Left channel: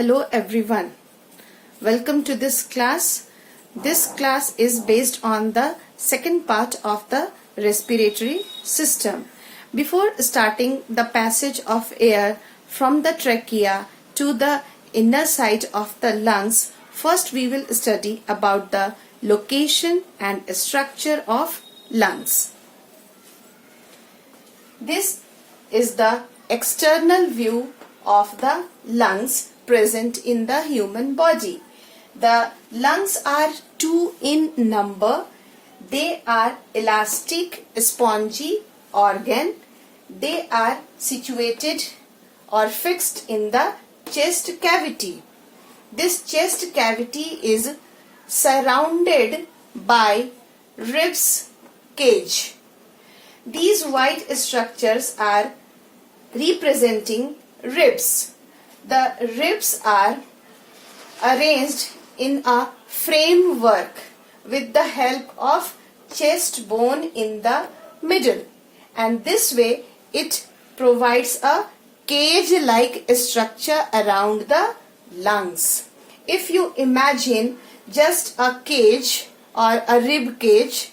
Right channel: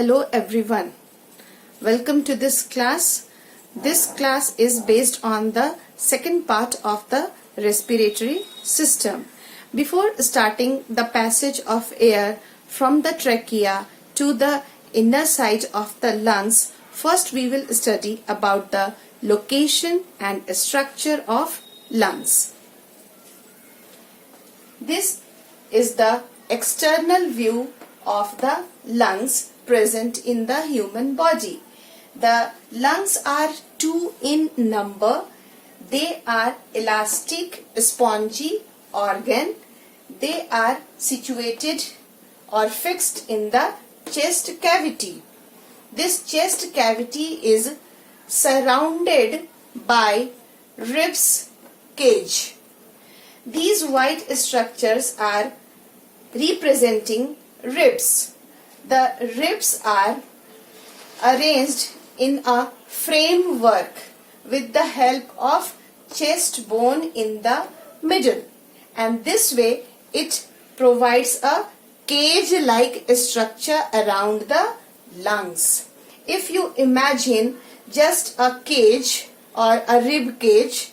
Hello everyone. Welcome to this class. This class is based on the second part of the respiratory system. Before starting the passage of air from the trachea to the inner side of the lungs, first we will study about the location and structure of lungs. This is the external view of the lungs present in the human body. The lungs are two in number. They are elastic, spongy organ. They are situated or fixed in the chest cavity. This chest cavity is surrounded by ribs cage. These white structures are representing ribs. The ribs are arranged in a framework with the help of chest bone in the middle, and this way it provides a cage-like structure around the lungs. If you imagine just a cage or a rib cage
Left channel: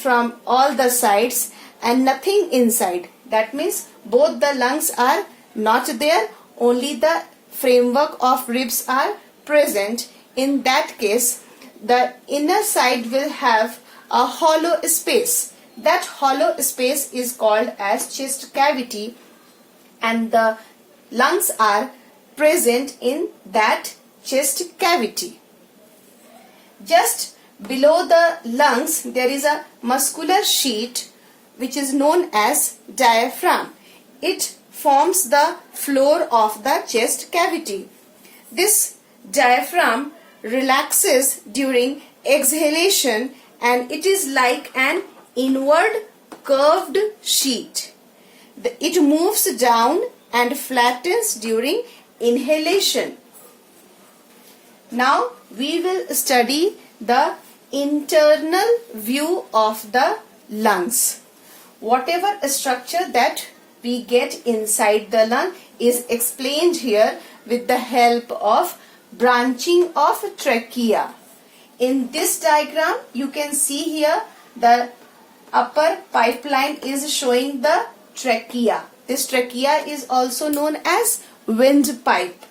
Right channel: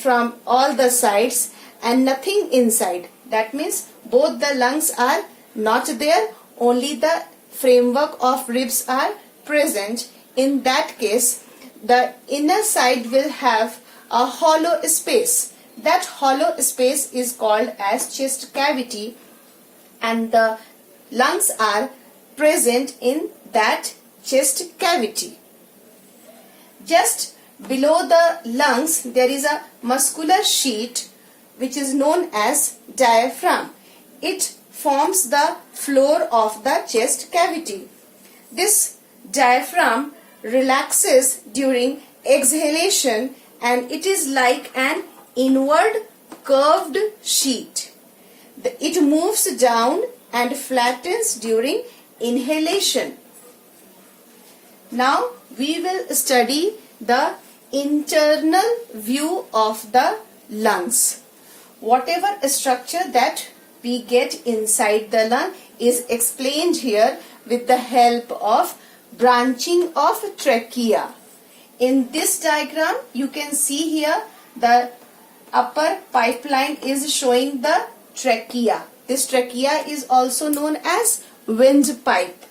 from all the sides and nothing inside, that means both the lungs are not there, only the framework of ribs are present. In that case, the inner side will have a hollow space. That hollow space is called as chest cavity, and the lungs are present in that chest cavity. Just below the lungs there is a muscular sheet which is known as diaphragm. It forms the floor of the chest cavity. This diaphragm relaxes during exhalation and it is like an inward curved sheet. It moves down and flattens during inhalation. Now we will study the internal view of the lungs. Whatever structure that we get inside the lung is explained here with the help of branching of trachea. In this diagram you can see here the upper pipeline is showing the trachea. This trachea is also known as windpipe.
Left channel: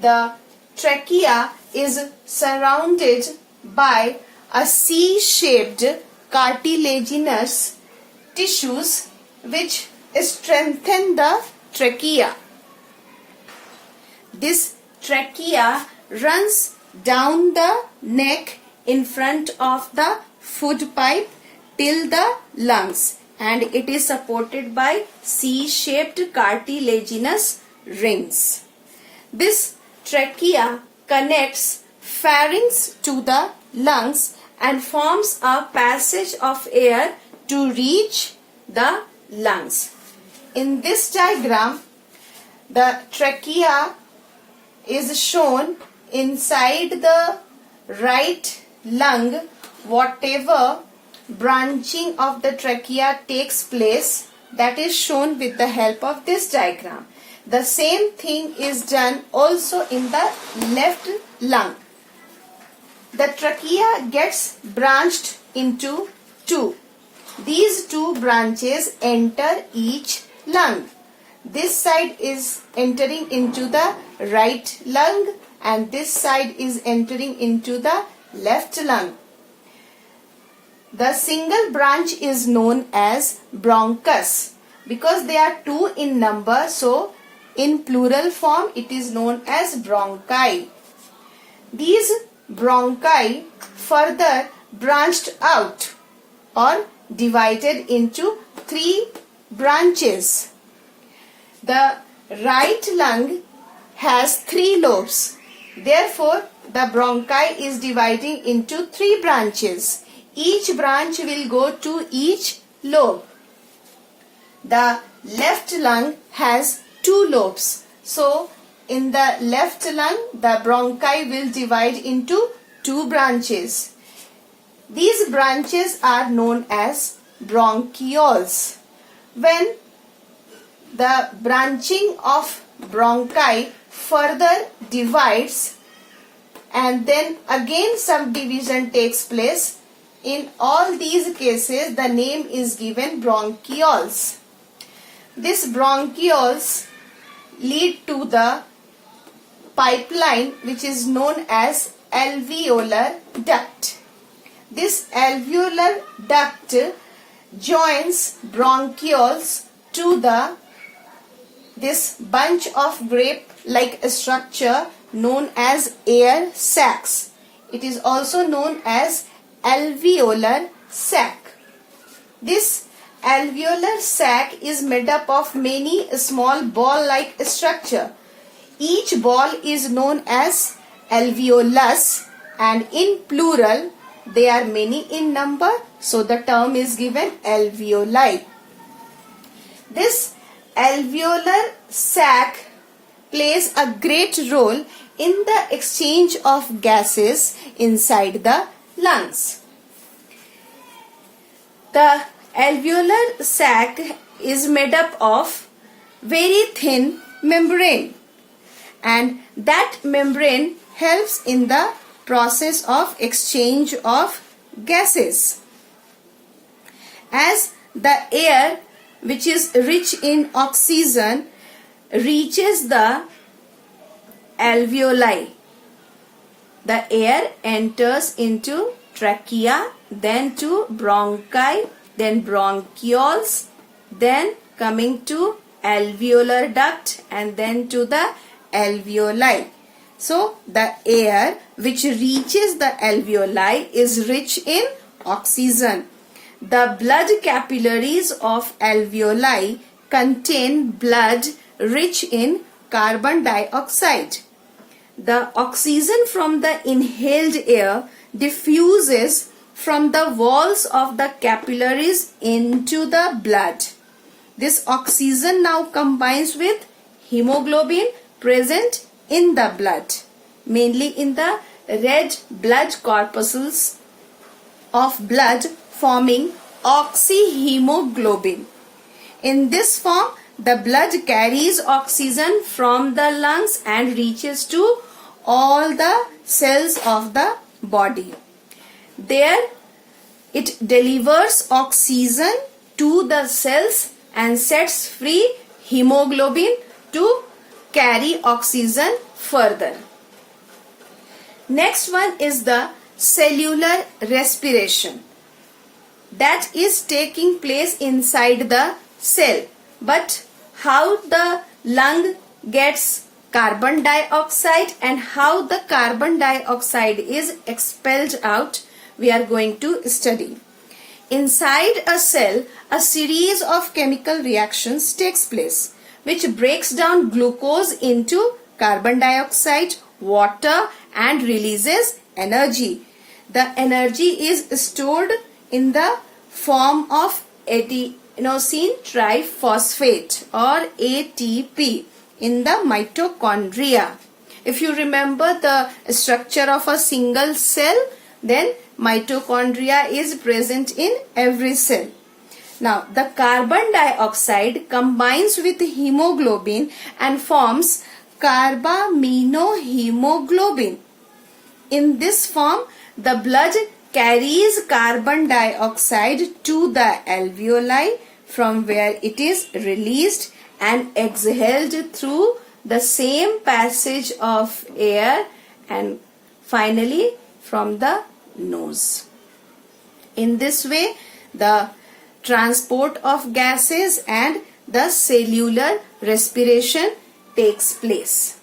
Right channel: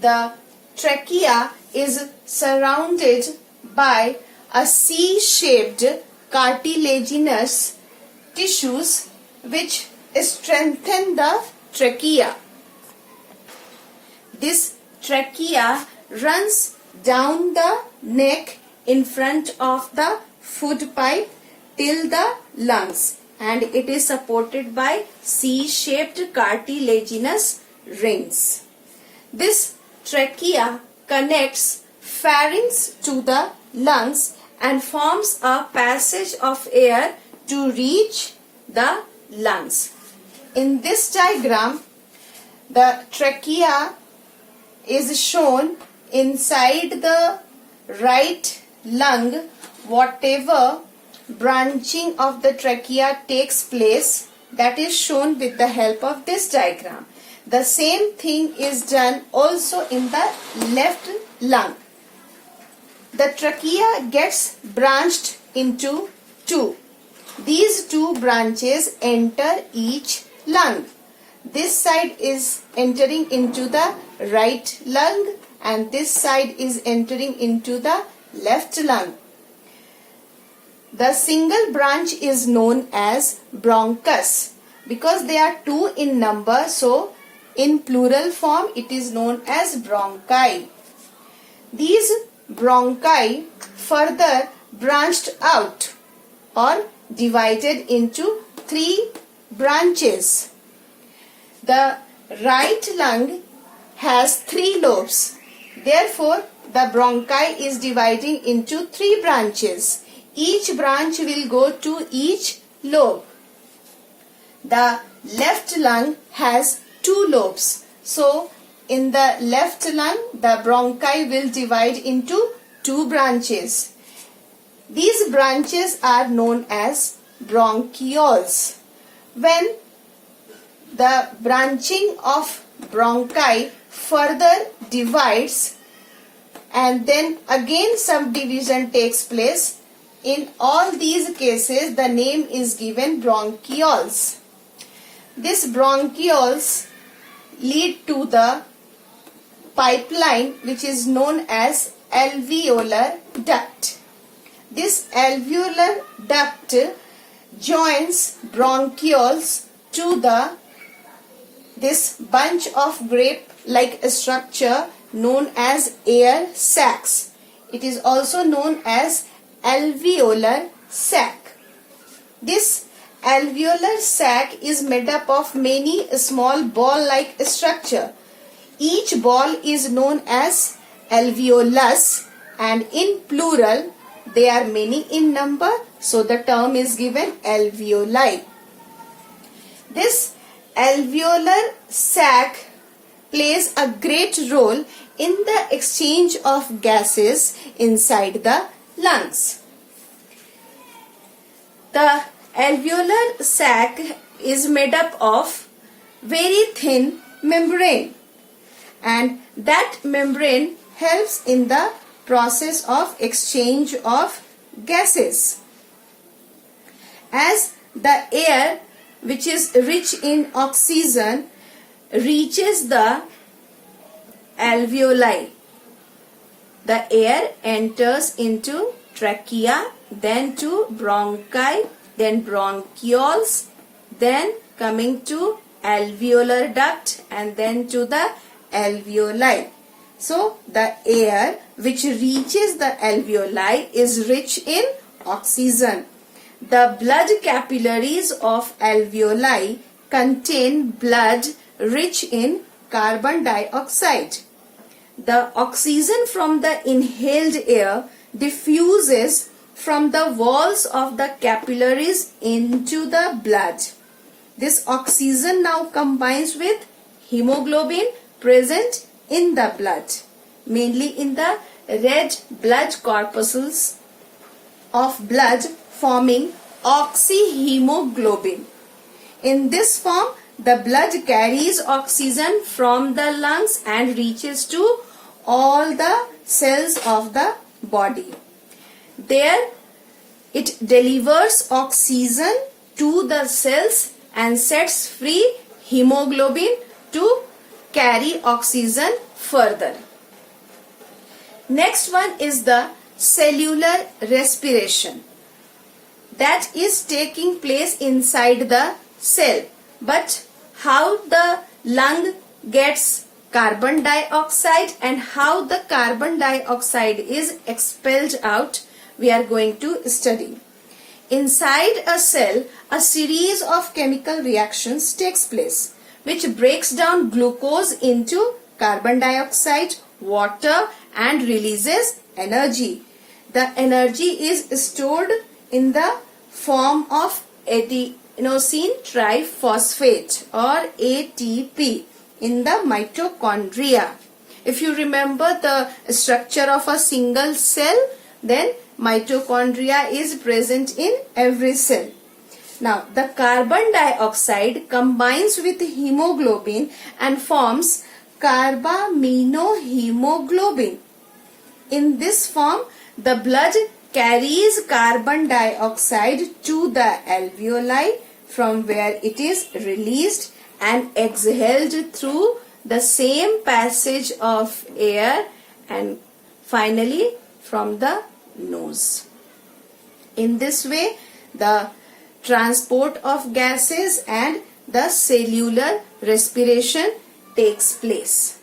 The trachea is surrounded by a C-shaped cartilaginous tissues which strengthen the trachea. This trachea runs down the neck in front of the food pipe till the lungs, and it is supported by C-shaped cartilaginous rings. This trachea connects pharynx to the lungs and forms a passage of air to reach the lungs. In this diagram, the trachea is shown inside the right lung. Whatever branching of the trachea takes place, that is shown with the help of this diagram. The same thing is done also in the left lung. The trachea gets branched into two. These two branches enter each lung. This side is entering into the right lung and this side is entering into the left lung. The single branch is known as bronchus because they are two in number, so in plural form it is known as bronchi. These bronchi further branched out or divided into three branches. The right lung has three lobes. Therefore, the bronchi is dividing into three branches. Each branch will go to each lobe. The left lung has two lobes. So, in the left lung, the bronchi will divide into two branches. These branches are known as bronchioles. When the branching of bronchi further divides and then again subdivision takes place. In all these cases, the name is given bronchioles. These bronchioles lead to the pipeline which is known as alveolar duct. This alveolar duct joins bronchioles to this bunch of grape-like structure known as air sacs. It is also known as alveolar sac. This alveolar sac is made up of many small ball-like structure. Each ball is known as alveolus, and in plural they are many in number, so the term is given alveoli. This alveolar sac plays a great role in the exchange of gases inside the lungs. The alveolar sac is made up of very thin membrane, and that membrane helps in the process of exchange of gases. As the air, which is rich in oxygen, reaches the alveoli, the air enters into trachea, then to bronchi, then bronchioles, then coming to alveolar duct, and then to the alveoli. So the air which reaches the alveoli is rich in oxygen. The blood capillaries of alveoli contain blood rich in carbon dioxide. The oxygen from the inhaled air diffuses from the walls of the capillaries into the blood. This oxygen now combines with hemoglobin present in the blood, mainly in the red blood corpuscles of blood, forming oxyhemoglobin. In this form, the blood carries oxygen from the lungs and reaches to all the cells of the body. There, it delivers oxygen to the cells and sets free hemoglobin to carry oxygen further. Next one is the cellular respiration. That is taking place inside the cell. But how the lung gets carbon dioxide and how the carbon dioxide is expelled out, we are going to study. Inside a cell, a series of chemical reactions takes place, which breaks down glucose into carbon dioxide, water, and releases energy. The energy is stored in the form of adenosine triphosphate or ATP in the mitochondria. If you remember the structure of a single cell, then mitochondria is present in every cell. Now, the carbon dioxide combines with hemoglobin and forms carbaminohemoglobin. In this form, the blood carries carbon dioxide to the alveoli, from where it is released and exhaled through the same passage of air and finally from the nose. In this way, the transport of gases and the cellular respiration takes place.